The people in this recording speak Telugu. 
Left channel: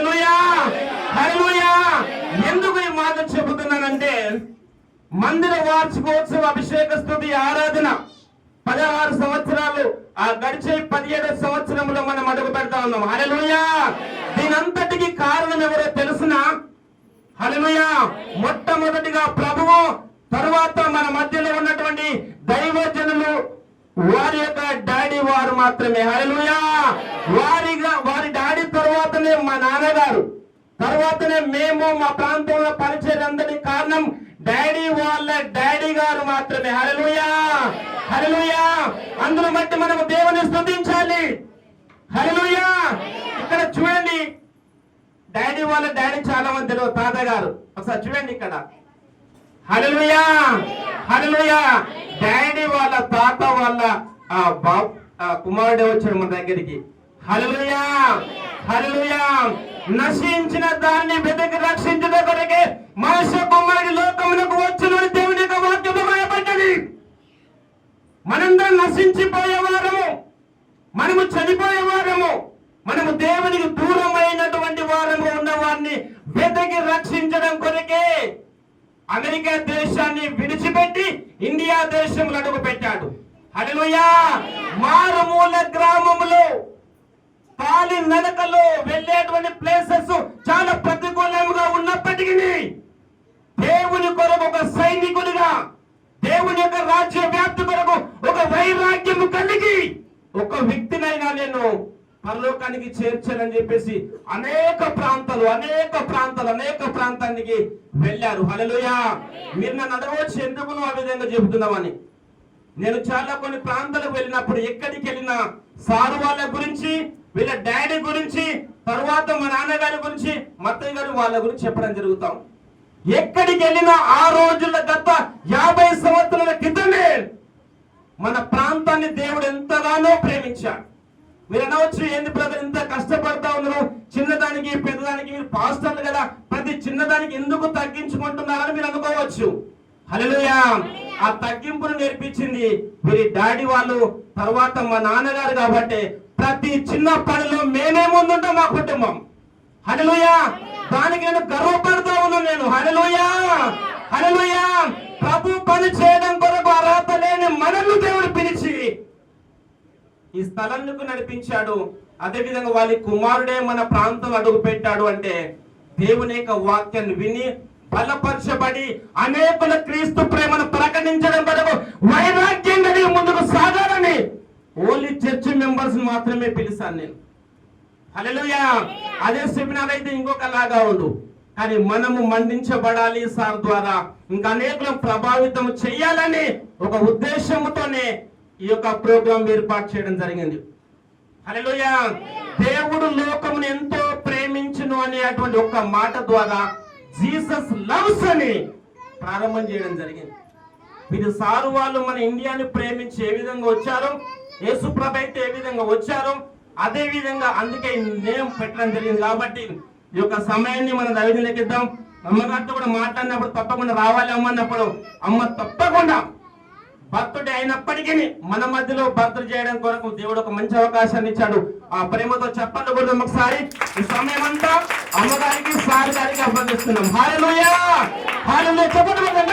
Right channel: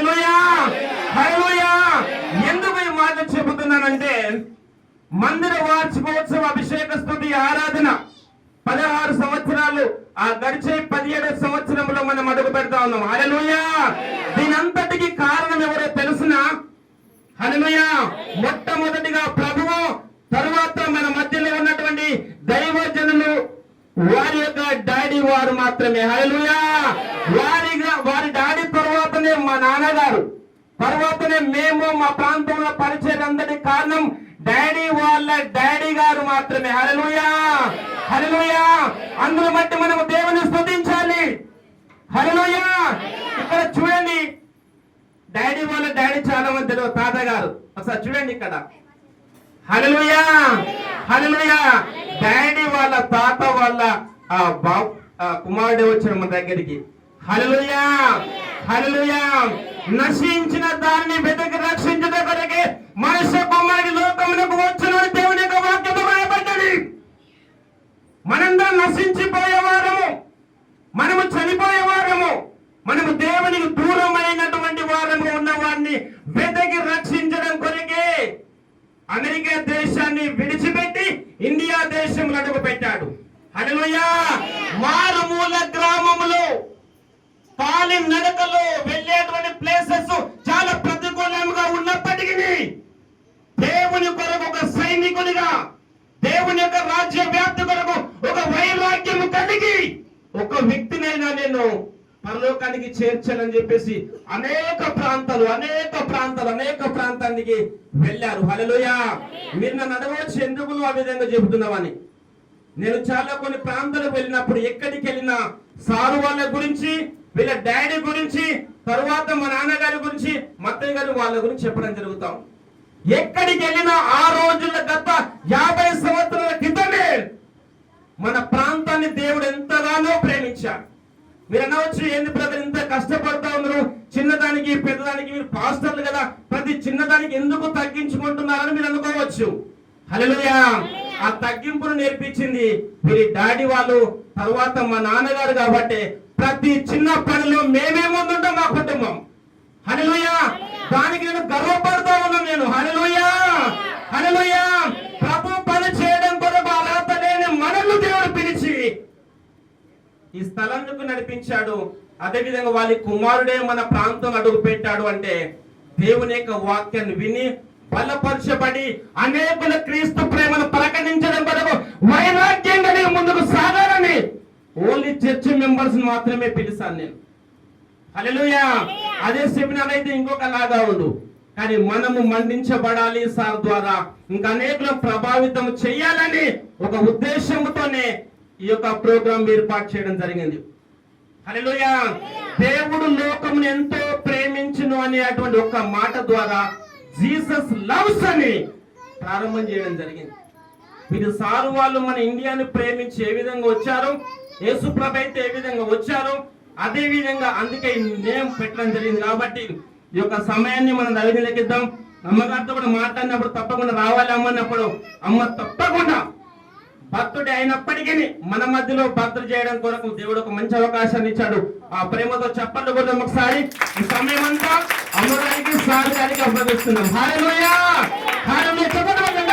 హల్లెలూయా హల్లెలూయా. ఎందుకు ఈ మాట చెబుతున్నానంటే, మందిర వార్షికోత్సవ అభిషేక స్తుతి ఆరాధన 16 సంవత్సరాలు గడిచే 17 సంవత్సరంలో మనం అడుగు పెడతా ఉన్నాం. హల్లెలూయా. దీనంతటికి కారణం ఎవరో తెలుసునా? హల్లెలూయా. మొట్టమొదటిగా ప్రభువు, తరువాత మన మధ్యలో ఉన్నటువంటి దైవజనులు, వారి యొక్క డాడీ వారు మాత్రమే. హల్లెలూయా. వారి డాడీ తర్వాతనే మా నాన్నగారు, తర్వాతనే మేము మా ప్రాంతంలో పరిచయం కారణం డాడీ వాళ్ళ డాడీ గారు మాత్రమే. హల్లెలూయా హల్లెలూయా. అందులో బట్టి మనము దేవుని స్తుతించాలి. హల్లెలూయా. ఇక్కడ చూడండి, డాడీ వాళ్ళ డాడీ చాలా మంది తెలియదు, తాతగారు. ఒకసారి చూడండి ఇక్కడ. హల్లెలూయా హల్లెలూయా. డాడీ వాళ్ళ తాత వాళ్ళ కుమారుడు వచ్చిన మన దగ్గరికి. హల్లెలూయా హల్లెలూయా. నశించిన దాన్ని వెతికి రక్షించిన కొరకే మనుష్య కుమారుడు లోకమునకు వచ్చిన దేవుని యొక్క వాక్యము రాయబడ్డది. మనందరం నశించిపోయేవారము, మనము చనిపోయేవారము, మనము దేవునికి దూరమైనటువంటి వారము ఉన్న వారిని వెతికి రక్షించడం కొరకే అమెరికా దేశాన్ని విడిచిపెట్టి ఇండియా దేశంలో అడుగు పెట్టాడు. హల్లెలూయా. మారుమూల గ్రామములో పాలి నడకలో వెళ్ళేటువంటి ప్లేసెస్ చాలా ప్రతికూలంగా ఉన్నప్పటికీ దేవుని కొరకు ఒక సైనికునిగా, దేవుని యొక్క రాజ్య వ్యాప్తి కొరకు ఒక వైరాగ్యము కలిగి ఒక వ్యక్తినైనా నేను పరలోకానికి చేర్చాలని చెప్పేసి అనేక ప్రాంతానికి వెళ్ళారు. హల్లెలూయా. మీరు నన్ను అడగవచ్చు, ఎందుకు నువ్వు ఆ విధంగా చెబుతున్నావని. నేను చాలా కొన్ని ప్రాంతాలకు వెళ్ళినప్పుడు ఎక్కడికి వెళ్ళినా సారు వాళ్ళ గురించి, వీళ్ళ డాడీ గురించి, తరువాత మా నాన్నగారి గురించి, మత్తయ్య గారు వాళ్ళ గురించి చెప్పడం జరుగుతాం. ఎక్కడికి వెళ్ళినా ఆ రోజుల గత 50 సంవత్సరాల క్రితమే మన ప్రాంతాన్ని దేవుడు ఎంతగానో ప్రేమించాడు. మీరు అనవచ్చు, ఏంది బ్రదర్ ఇంత కష్టపడతా ఉన్నారు, చిన్నదానికి పెద్దదానికి మీరు పాస్టర్లు కదా, ప్రతి చిన్నదానికి ఎందుకు తగ్గించుకుంటున్నారని మీరు అనుకోవచ్చు. హల్లెలూయా. ఆ తగ్గింపును నేర్పించింది వీరి డాడీ వాళ్ళు, తర్వాత మా నాన్నగారు. కాబట్టి ప్రతి చిన్న పనిలో మేమే ముందుంటాం మా కుటుంబం. హల్లెలూయా. దానికి నేను గర్వపడతా ఉన్నాను నేను. హల్లెలూయా హల్లెలూయా. ప్రభు పని చేయడం కొరకు అర్హత లేని మనల్ని దేవుడు పిలిచి ఈ స్థలంకు నడిపించాడు. అదేవిధంగా వాళ్ళ కుమారుడే మన ప్రాంతంలో అడుగు పెట్టాడు అంటే దేవుని యొక్క వాక్యాన్ని విని బలపరచబడి అనేకుల క్రీస్తు ప్రేమను ప్రకటించడం కొరకు వైరాగ్యంగా ముందుకు సాగాలని ఓన్లీ చర్చ్ మెంబర్స్ మాత్రమే పిలిచాను నేను. హల్లెలూయా. అదే సెమినార్ అయితే ఇంకొకలాగా ఉండు, కానీ మనము మండించబడాలి సార్ ద్వారా, ఇంకా అనేకులను ప్రభావితం చేయాలని ఒక ఉద్దేశంతోనే ఈ యొక్క ప్రోగ్రాం ఏర్పాటు చేయడం జరిగింది. హల్లెలూయా. దేవుడు లోకమును ఎంతో ప్రేమించును అనేటువంటి ఒక్క మాట ద్వారా జీసస్ లవ్స్ అని ప్రారంభం చేయడం జరిగింది. ఇది సారు వాళ్ళు మన ఇండియాని ప్రేమించి ఏ విధంగా వచ్చారో, యేసు ప్రభు అయితే ఏ విధంగా వచ్చారో అదే విధంగా అందుకే నేమ్ పెట్టడం జరిగింది. కాబట్టి ఈ యొక్క సమయాన్ని మనం దైవజనులకిద్దాం. అమ్మగారితో కూడా మాట్లాడినప్పుడు తప్పకుండా రావాలి అమ్మన్నప్పుడు, అమ్మ తప్పకుండా భక్తుడే అయినప్పటికీ మన మధ్యలో భక్తులు చేయడం కొరకు దేవుడు ఒక మంచి అవకాశాన్ని ఇచ్చాడు. ఆ ప్రేమతో చెప్పండి కూడా ఒకసారి. ఈ సమయం అంతా అమ్మగారికి సార్ గారికి అప్పగిస్తున్నాం. హల్లెలూయా హల్లెలూయా. చెప్పండి.